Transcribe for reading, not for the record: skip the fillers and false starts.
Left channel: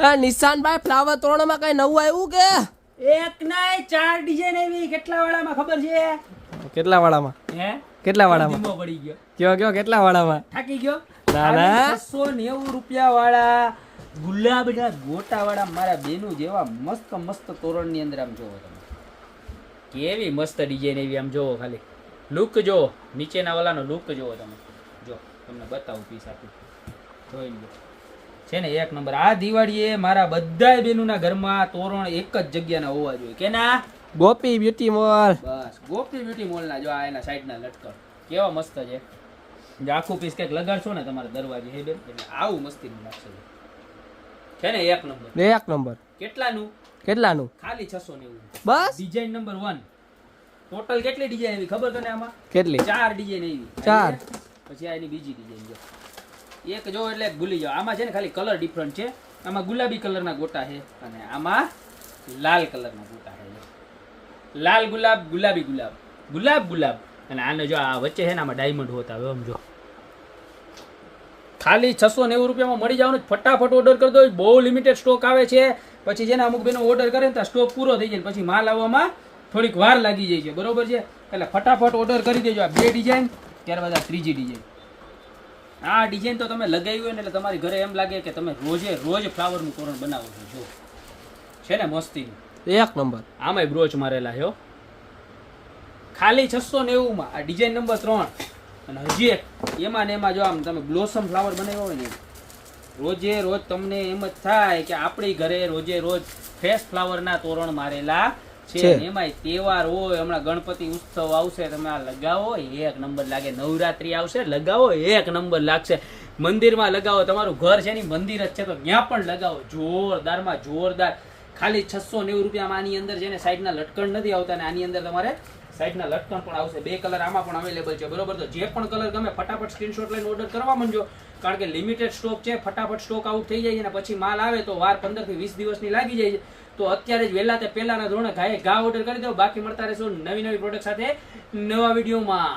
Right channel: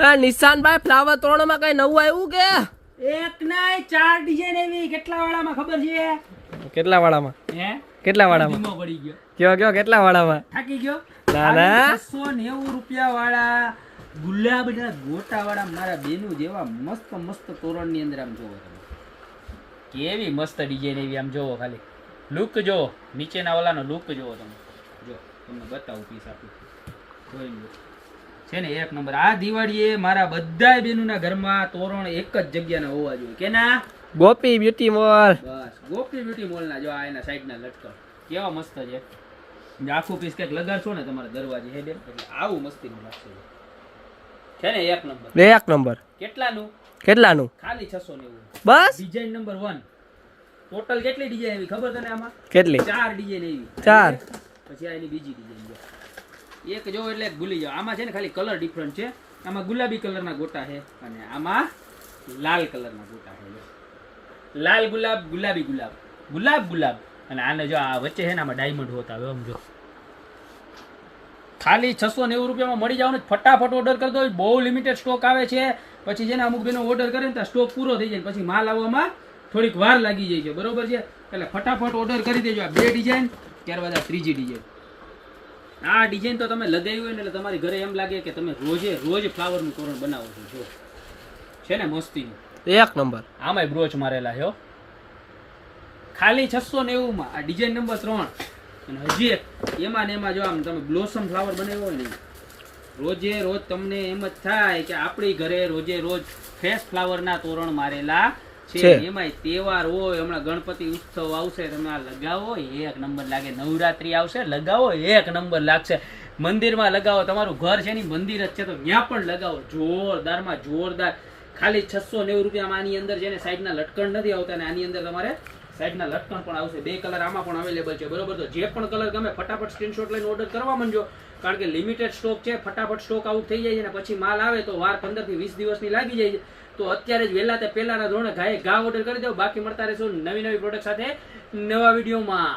નિશાનભાઈ flower તોરણમાં કઈ નવું આવ્યું કે એક નહીં 4 ડિઝાઇન એવી કેટલા વાળામાં ખબર છે કેટલા વાળામાં હે કેટલા વાળામાં ધીમો પડી ગયો કયો કેટલા વાળામાં થાકી ગયો ના ના 690 રૂપિયા વાળા ગુલાબના ગોટા વાળા મારા બેનું જેવા મસ્ત મસ્ત તોરણની અંદર આમ જોવો તમે કેવી મસ્ત ડિઝાઇન એવી આમ જોવો ખાલી લુક જો નીચેના વાળાનો લુક જોવો તમે જો તમને બતાવું પીસ આપું જોઈ લો છે ને એક નંબર આ દિવાળીએ મારા બધાય બેનુના ઘરમાં તોરણ એક જ જગ્યાના હોવા જોઈએ કે ના ગોપી બ્યુટી મોલ બસ ગોપી બ્યુટી મોલના જો આ એના સાઈડના લટકન કેવા મસ્ત છે જે આખું પીસ કંઈક લગાડશો ને તમારા દરવાજે હે બેન એટલે આવું મસ્તીનું લાગશે છે ને એક નંબર કેટલાનું ખાલી 690 બસ ડિઝાઇન નંબર 1 ટોટલ કેટલી ડિઝાઇન આવી ખબર તને આમાં કેટલી 4 ડિઝાઇન આવી 4 પછી આ એની બીજી ડિઝાઇન જો એક જો એટલે ભૂલી જાઓ આમાં છે ને ખાલી કલર ડિફરન્ટ છે આમાં ગુલાબી કલરના ગોટા છે અને આમાં લાલ કલરના ગોટા છે લાલ ગુલાબ ગુલાબી ગુલાબ ગુલાબ ગુલાબ અને આને જો આ વચ્ચે છે ને આમાં ડાયમંડ હોતા હવે આમ જો ખાલી 690 રૂપિયામાં મળી જવાનું ફટાફટ ઓર્ડર કરી દો બહુ લિમિટેડ સ્ટોક આવે છે પછી જેને અમુક બેનો ઓર્ડર કરે ને તો સ્ટોક પૂરો થઈ જાય પછી માલ આવવામાં થોડીક વાર લાગી જાય છે બરોબર છે એટલે ફટાફટ ઓર્ડર કરી દેજો આ બે ડિઝાઇન ત્યારબાદ આ ત્રીજી ડિઝાઇન આ ડિઝાઇન તો તમે લગાવી હોય ને એટલે તમારી ઘરે એમ લાગે કે તમે રોજે રોજ ફ્લાવરનું તોરણ બનાવો છો જો છે ને મસ્તીનું એક નંબર આમાંય બ્રોચ મારેલા છે ખાલી 690 માં આ ડિઝાઇન નંબર 3 અને હજી એક એમાં ને એમાં જો આમ તમે બ્લોસમ ફ્લાવર બનાવ્યો હોય ને રોજે રોજ તમને એમ જ થાય કે આપણી ઘરે રોજે રોજ ફ્રેશ ફ્લાવરના તોરણ મારેલા છે એમાંય તહેવાર હોય હમણાં ગણપતિ ઉત્સવ આવશે તમે આ લગાવો એક નંબર લાગે નવરાત્રી આવશે લગાવો એક નંબર લાગશે મંદિરમાં લગાવો તમારું ઘર છે ને મંદિર જ છે તો ત્યાં પણ લગાવો જોરદારમાં જોરદાર ખાલી 690 રૂપિયામાં આની અંદર છે ને સાઈડના લટકણ નથી આવતા અને આની અંદર તમારે સાઈડના લટકણ પણ આવશે બે કલર આમાં પણ અવેલેબલ છે બરોબર તો જે પણ કલર ગમે ફટાફટ સ્ક્રીનશોટ લઈને ઓર્ડર કરવા માંડજો કારણ કે લિમિટેડ સ્ટોક છે ફટાફટ સ્ટોક આઉટ થઈ જાય છે અને પછી માલ આવે તો વાર 15 થી 20 દિવસની લાગી જાય છે તો અત્યારે જ વહેલા તે પહેલાના ધોરણે ઘા ઓર્ડર કરી દો બાકી મળતા રહેશો નવી નવી પ્રોડક્ટ સાથે નવા વિડીયોમાં